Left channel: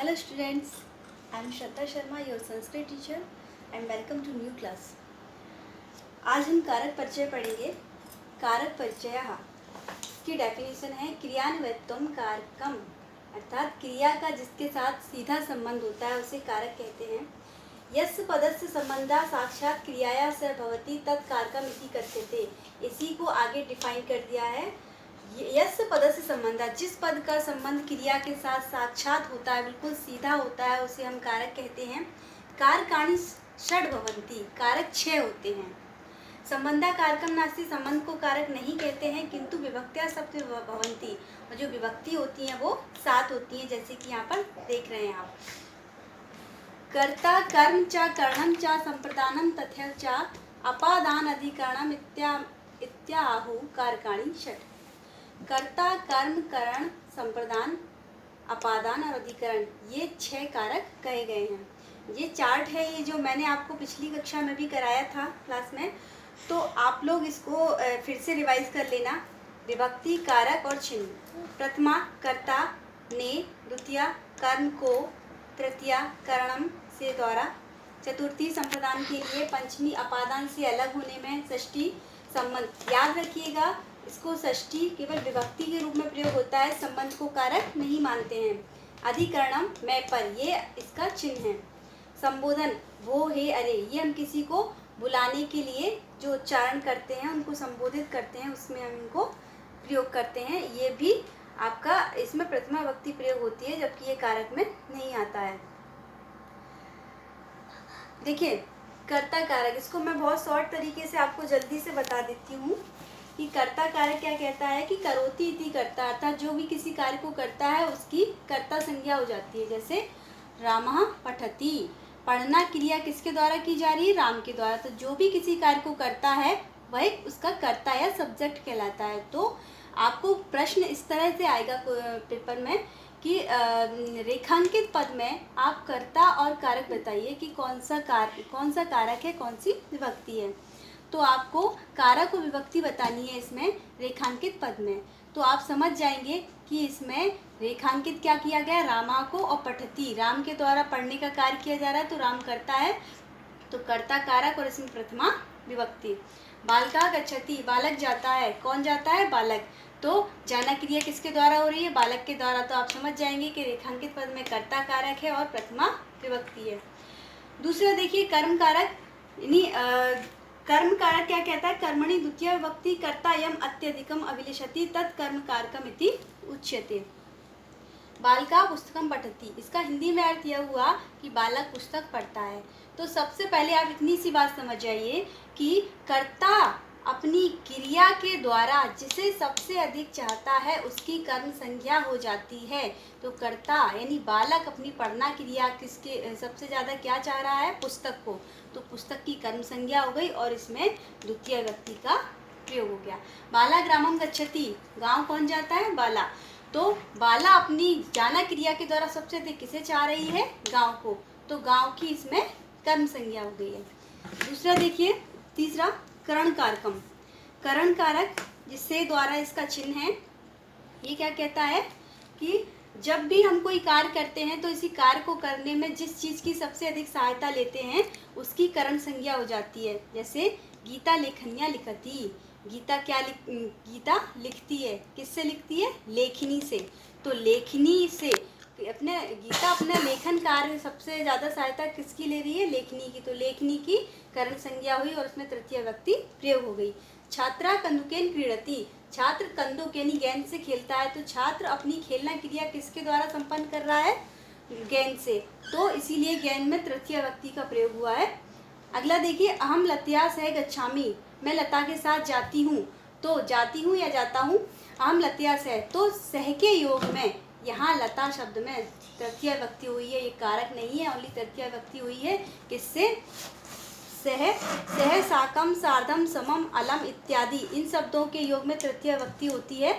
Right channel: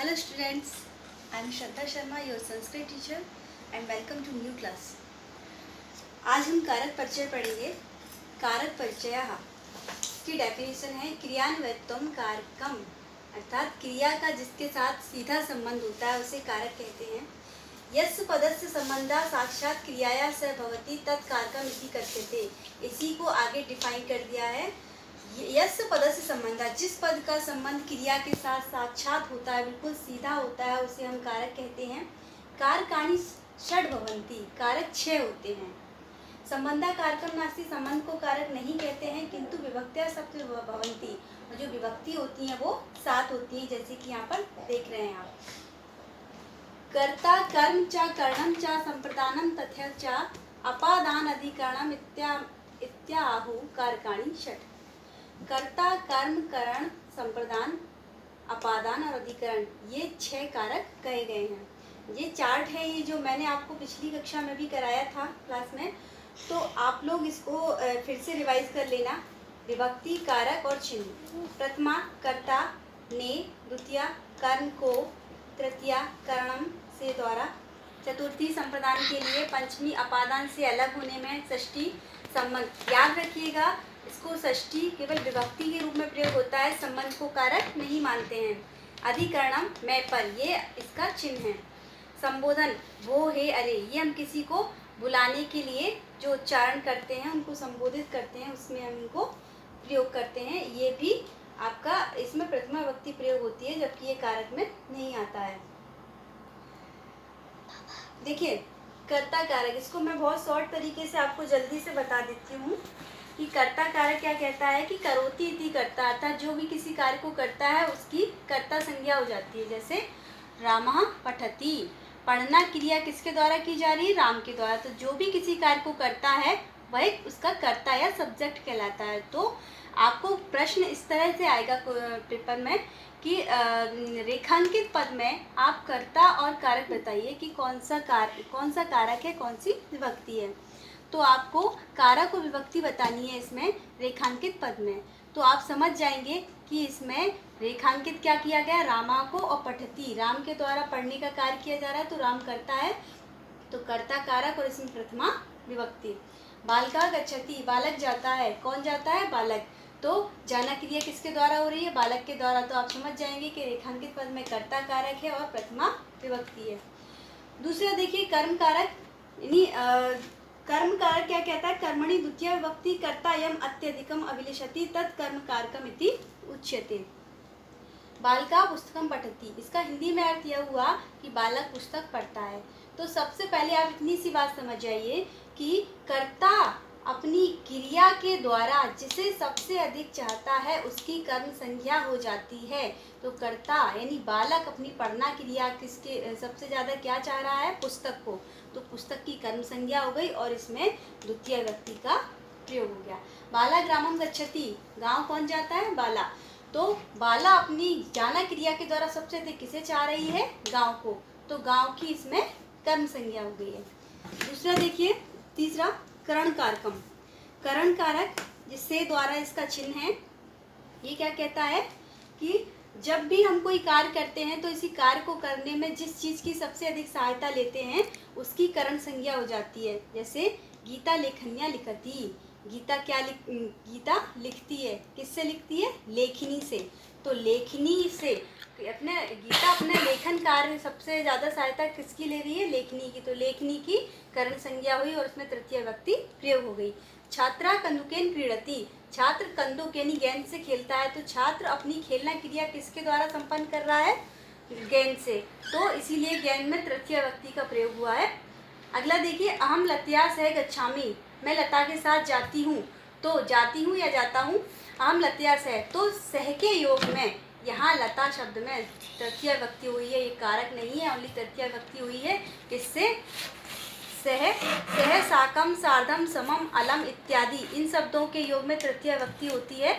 Hello students, I am Shraddha Sharma, your Sanskrit teacher and welcome to new class. आज हम कारक परिचय पढ़ेंगे। कारक परिचयः की डेफिनेशन है क्रियान्वयत्वम कारकम, अर्थात क्रिया का जिसके साथ सीधा संबंध होता है उसे कारक कहते हैं। यस्य पदस्य संबंधा साक्षात क्रियाया स भवति तत् कारकम इति कथ्यते। इसी को आगे डिफाइन कर दिया है। यस्य पदस्य संबंधा, जिस पद का संबंध क्रिया के साथ साक्षात होता है, बिल्कुल सीधा होता है, उसे हम कारक कहते हैं। कारकाणि षड् भवन्ति, कारक 6 होते हैं। संबंधा कारकम नास्ति, संबंध को कारक नहीं कहते हैं, किंतु विभक्त्या सप्त भवन्ति, और जो विभक्ति होती हैं वो 7 होती हैं, जैसे कि यहाँ पर देख रहे हैं आप। कर्ता कर्म च करणम च संप्रदानम तथैव च अपादान अधिकरणम इत्याहु कारकाणि षट्। कर्ता कर्म करण संप्रदान अपादान और अधिकरण, ये 6 कारक कहे गए हैं। ये चार्ट है, ये जो मैंने आपको पिछली कक्षा में भी कराया था क्लास में, तो आप लोग इसको फिर से रिवाइज कर लेना। विभक्ति, कारक और चिन्ह। प्रथमा कर्ता ने, द्वितीया कर्म को, तृतीया करणम से द्वारा, चतुर्थी संप्रदान के लिए, पंचमी अपादान से अलग होने में, षष्ठी संबंध। याद रखिएगा, इसको षष्ठी केवल विभक्ति के रूप में प्रयोग होता है, संबंध को कारक नहीं मानते हैं। अधिकरणम मैं पर, ये इसका चिन्ह है। संबोधन वो हे अरे, ये हम किसी को बुलाने के लिए जो उच्चारण करते हैं, उनको संबोधित करते हैं, उसमें हम इनको प्रयोग करते हैं। ये भी आपका इसमें प्रथमा विभक्ति प्रयोग होती है, जबकि ये कारक में नहीं आता है। देखिए कर्ता कारक, इसको मैं बहुत शॉर्ट तरीके से आपको जल्दी से बता देती हूँ कि कर्ता कारक क्या कहता है कि करोति इति कर्ता, अर्थात जो भी किसी कार्य को करता है उसकी कर्ता संज्ञा हो जाती है। जैसे रामः पठति, पढ़ना क्रिया किसके द्वारा की जा रही है? राम के द्वारा। तो जो भी किसी कार्य को करता है वह उसका कर्ता या सब्जेक्ट कहलाता है। तो आपको प्रश्न इस तरह से आएगा पेपर में कि रेखांकित पद में आप कर्ता और कारक बताइए कि कौन सा कारक है, कौन सी विभक्ति है। तो आपको कारक और विभक्ति बतानी है इसमें रेखांकित पद में। तो आप समझ जाएंगे कि इसमें रेखांकित क्या किया गया, रामा को, और पठती, राम के द्वारा पढ़ने का कार्य किया जा रहा है, तो राम करता है, तो कर्ता कारक और इसमें प्रथमा विभक्ति। बालका गच्छति, बालक जाता है, कौन जाता है? बालक। तो जाना क्रिया किसके द्वारा हो रही है? बालक के द्वारा। तो आप समझ जाएंगे कि रेखांकित पद में कर्ता कारक है और प्रथमा विभक्ति है। दूसरा देखिए कर्म कारक, यानी कर्म कारक क्या कहता है? कर्मणि द्वितीय विभक्ति कर्ता यम अत्यधिकम अभिलषति तत् कर्म कारकम इति उच्यते। बालका पुस्तकम पठति, इसका हिंदी में अर्थ यह हुआ कि बालक पुस्तक पढ़ता है। तो सबसे पहले आप इतनी सी बात समझ जाइए कि कर्ता अपनी क्रिया के द्वारा जिसे सबसे अधिक चाहता है उसकी कर्म संज्ञा हो जाती है। तो कर्ता यानी बालक अपनी पढ़ना क्रिया किसके सबसे ज़्यादा क्या चाह रहा है? पुस्तक को। तो पुस्तक की कर्म संज्ञा हो गई और इसमें द्वितीय विभक्ति का प्रयोग हो गया। बाला ग्रामम गच्छति, गांव कौन जाता है? बाला। तो बाला अपनी जाना क्रिया के द्वारा सबसे अधिक किसे चाह रही है? गांव को। तो गांव की इसमें कर्म संज्ञा हो गई है। दूसरा देखिए, तीसरा करण कारकम, करण कारक जिससे द्वारा इसका चिन्ह है, ये क्या कहता है कि जब भी हम कोई कार्य करते हैं तो इसी कार्य को करने में जिस चीज़ की सबसे अधिक सहायता लेते हैं उसकी करण संज्ञा हो जाती है। जैसे गीता लेखनिया लिखती, गीता लिखती है, किससे लिखती है? लेखनी से। तो लेखनी से गीता अपने लेखन कार्य सबसे ज़्यादा सहायता किसकी ले रही है? लेखनी की। तो लेखनी की करण संज्ञा हुई और उसमें तृतीय विभक्ति प्रयोग हो गई। छात्रा कंदुकेन क्रीडति, छात्र कंदुक यानी गेंद से खेलता है। तो छात्र अपनी खेलना क्रिया किसके द्वारा संपन्न कर रहा है? गेंद से। तो इसीलिए गेंद में तृतीय विभक्ति का प्रयोग हुआ है। अगला देखिए, अहम लतया सह गच्छामि, मैं लता के साथ जाती हूँ। तो जाती हूँ या जाता हूँ? अहम लतया सह, तो सह के योग में यहाँ लता शब्द में तृतीय विभक्ति हुई है। ये कारक नहीं है, ओनली तृतीय विभक्ति हुई है। किससे? सह साकम सार्धम समम अलम इत्यादि, इन शब्दों के योग में तृतीय विभक्ति होती है,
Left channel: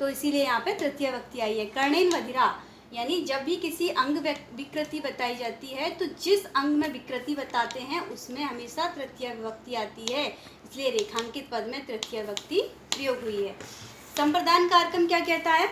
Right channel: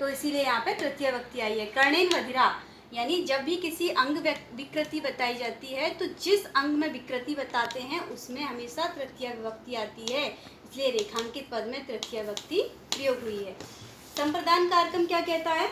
तो इसीलिए यहाँ पे तृतीय विभक्ति आई है। कर्णेन बधिरा, यानी जब भी किसी अंग विकृति बताई जाती है तो जिस अंग में विकृति बताते हैं उसमें हमेशा तृतीय विभक्ति आती है, इसलिए रेखांकित पद में तृतीय विभक्ति प्रयोग हुई है। संप्रदान कारकम क्या कहता है?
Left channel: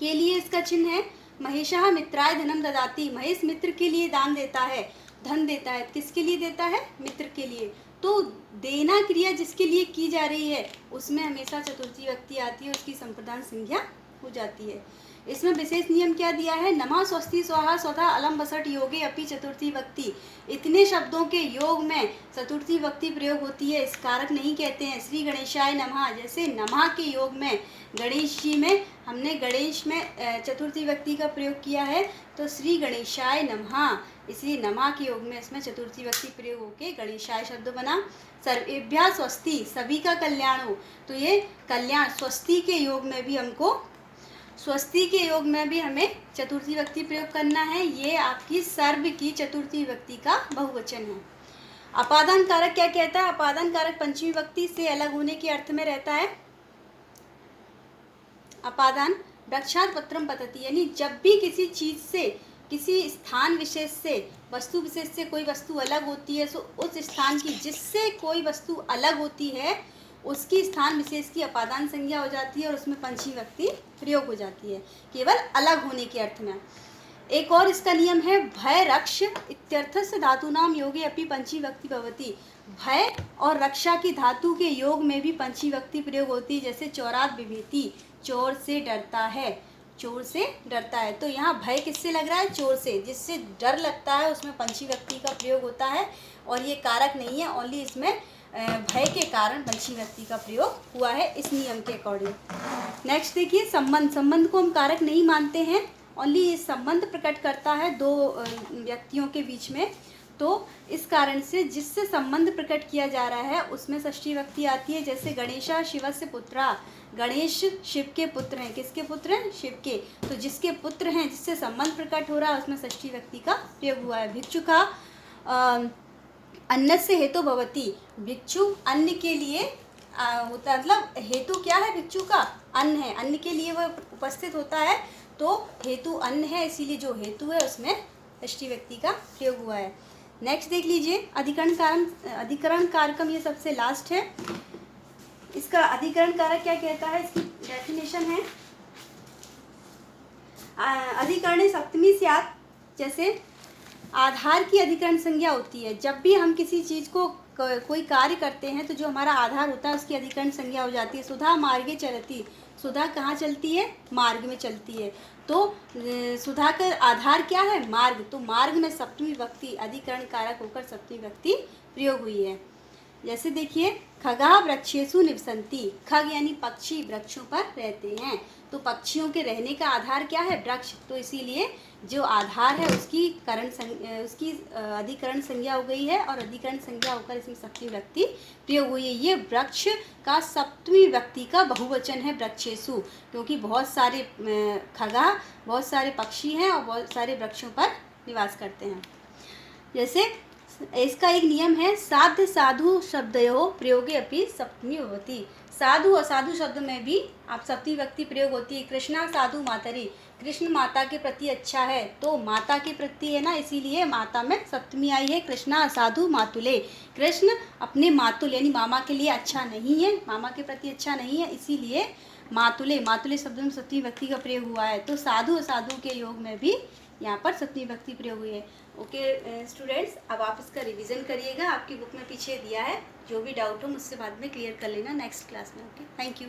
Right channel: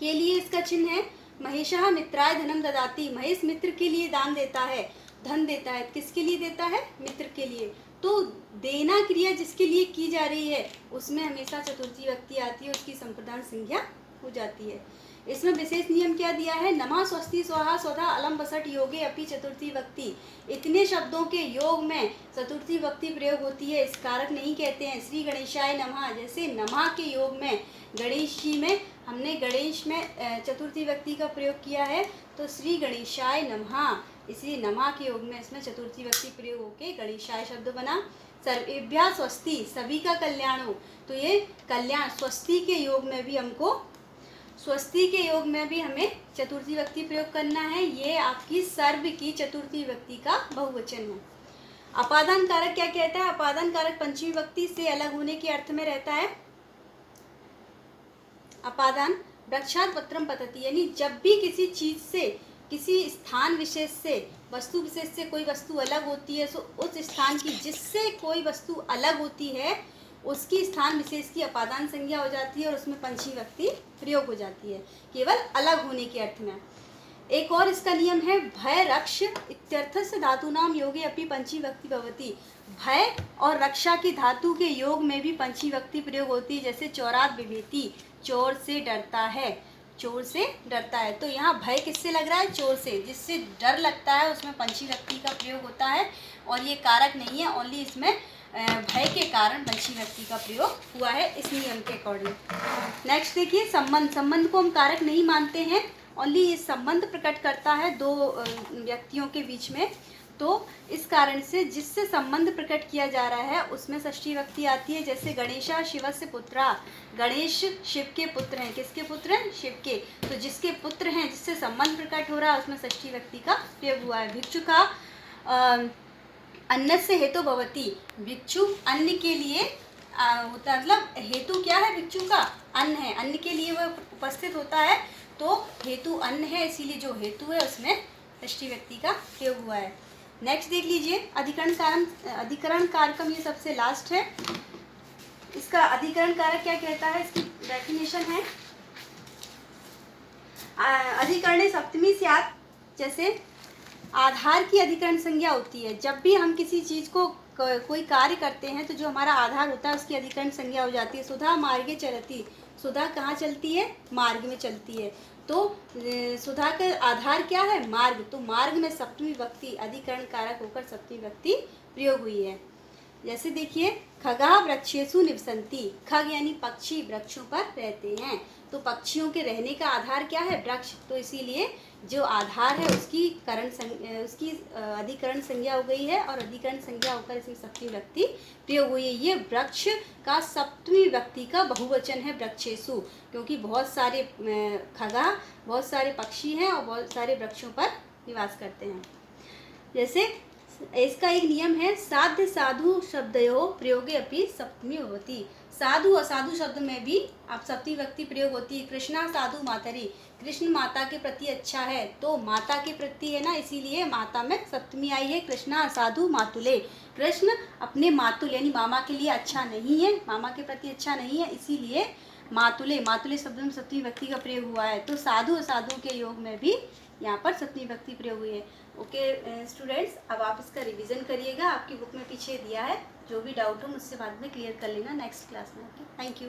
के लिए इसका चिन्ह है महेशः मित्राय धनम ददाति, महेश मित्र के लिए दान देता है, धन देता है। किसके लिए देता है? मित्र के लिए। तो देना क्रिया जिसके लिए की जा रही है उसमें हमेशा चतुर्थी व्यक्ति आती है, उसकी संप्रदान संज्ञा हो जाती है। इसमें विशेष नियम क्या दिया है? नमः स्वस्ति स्वाहा स्वधा अलम बसठ योगे अपि चतुर्थी व्यक्ति, इतने शब्दों के योग में चतुर्थी व्यक्ति प्रयोग होती है, इस कारक नहीं कहते हैं। श्री गणेशाय नमः, जैसे नमः के योग में गणेश जी में हमने गणेश में चतुर्थी व्यक्ति का प्रयोग किया है, तो श्री गणेशाय नमः, इसलिए नमः के योग में इसमें चतुर्थी व्यक्ति प्रयोग होके गणेशाय शब्द बना। सर्वेभ्यः स्वस्ति, सभी का कल्याण हो, तो ये कल्याण स्वस्ति के योग में भी हमको, स्वस्ति के योग में भी हमें चतुर्थी व्यक्ति प्रयोग करना है। ये आपकी सर्व की चतुर्थी व्यक्ति का बहुवचन है। अपादान कारक क्या कहता है? अपादान कारक पंचमी व्यक्ति से अलग होने के अर्थ में रहता है। अपादान वृक्षात् पत्रम पतति, यानी जब भी किसी चीज से, किसी स्थान विशेष से, वस्तु विशेष से कोई वस्तु अलग होती है, तो उस स्थान की, जिससे कोई वस्तु अलग होती है, उसकी स्थान विशेष की अपादान संज्ञा हो जाती है और उसमें पंचमी व्यक्ति प्रयोग हो जाती है, केवल अलग होने के अर्थ में। एक और इसका नियम है भय रक्ष इत्यर्थस्य धातूनाम योगे अपि पंचमी व्यक्ति भवति। भय और रक्षा की धातु के योग में भी पंचमी व्यक्ति प्रयोग होती है, जैसे चौरात बिभेति, चोर से डरता है, चोर से डरता है। तो यहाँ भय किससे लग रहा है? चोर से, जिससे डर लगता है उसमें पंचमी व्यक्ति का प्रयोग होता है, और ये कारक नहीं है, ओनली इसमें भय के कारण पंचमी व्यक्ति का प्रयोग हुआ है इस नियम के अकॉर्डिंग। नेक्स्ट देखिए संबंध। संबंध को हम कारक नहीं मानते हैं, ओनली ये संबंध प्रकट करता है दो व्यक्तियों के बीच में, तो इस कारण से जिससे संबंध प्रकट किया जा रहा है उसमें षष्ठी व्यक्ति आती है। जैसे गणेशा शिवस्य पुत्रा, गणेश शिव के पुत्र हैं। किसके पुत्र हैं? शिव के। तो जिसके पुत्र हैं, जिससे संबंध प्रकट हो रहा है, उसमें षष्ठी व्यक्ति का प्रयोग हुआ है। भिक्षुका अन्न से हेतु भवती, भिक्षु अन्न के लिए होता है, मतलब हेतु क्या है? भिक्षु का अन्न है, अन्न के लिए वह उपस्थित होता है, तो हेतु अन्न है, इसीलिए जो हेतु है उसमें षष्ठी व्यक्ति का प्रयोग हुआ है। नेक्स्ट देख लीजिए अधिकरण कारकम, ये सबसे लास्ट है। इसका अधिकरण कारक क्या कहता है? इसकी डेफिनेशन है अधिकरणे सप्तमी स्यात्, जैसे आधार की अधिकरण संज्ञा होती है। जब भी हम किसी चीज को कोई कार्य करते हैं तो जो हमारा आधार होता है उसकी अधिकरण संज्ञा हो जाती है। सुधा मार्गे चलती, सुधा कहाँ चलती है? मार्ग में चलती है। तो सुधा का आधार क्या है? मार्ग। तो मार्ग में सप्तमी व्यक्ति अधिकरण कारक होकर सप्तमी व्यक्ति प्रयोग हुई है। जैसे देखिए खगा वृक्षेषु निवसन्ति, खग यानी पक्षी वृक्षों पर रहते हैं, तो पक्षियों के रहने का आधार क्या है? वृक्ष। तो इसीलिए जो आधार है उसकी उसकी अधिकरण संज्ञा हो गई है, और अधिकरण संज्ञा होकर इसमें सप्तमी व्यक्ति प्रयोग हुई है। ये वृक्ष का सप्तमी व्यक्ति का बहुवचन है वृक्षेषु, क्योंकि बहुत सारे खगा, बहुत सारे पक्षी हैं और बहुत सारे वृक्षों पर निवास करते हैं। जैसे इसका एक नियम है साध्य साधु शब्दयोः प्रयोगे अपि सप्तमी भवति। साधु असाधु शब्द में भी आप सप्तमी व्यक्ति प्रयोग होती है। कृष्णा साधु मातरि, कृष्ण माता के प्रति अच्छा है, तो माता के प्रति है ना, इसीलिए माता में सप्तमी आई है। कृष्णा असाधु मातुले, कृष्ण अपने मातुल यानी मामा के लिए अच्छा नहीं है, मामा के प्रति अच्छा नहीं है, इसीलिए मातुले, मातुले शब्द में सप्तमी व्यक्ति का प्रयोग हुआ है। तो साधु असाधु के योग में भी यहाँ पर सप्तमी व्यक्ति प्रयोग हुई है। ओके स्टूडेंट्स, अब आप इसका रिवीजन करिएगा, आपकी बुक में पीछे दिया है। जो भी डाउट हो मुझसे बाद में क्लियर कर लेना नेक्स्ट क्लास में। Okay, thank you.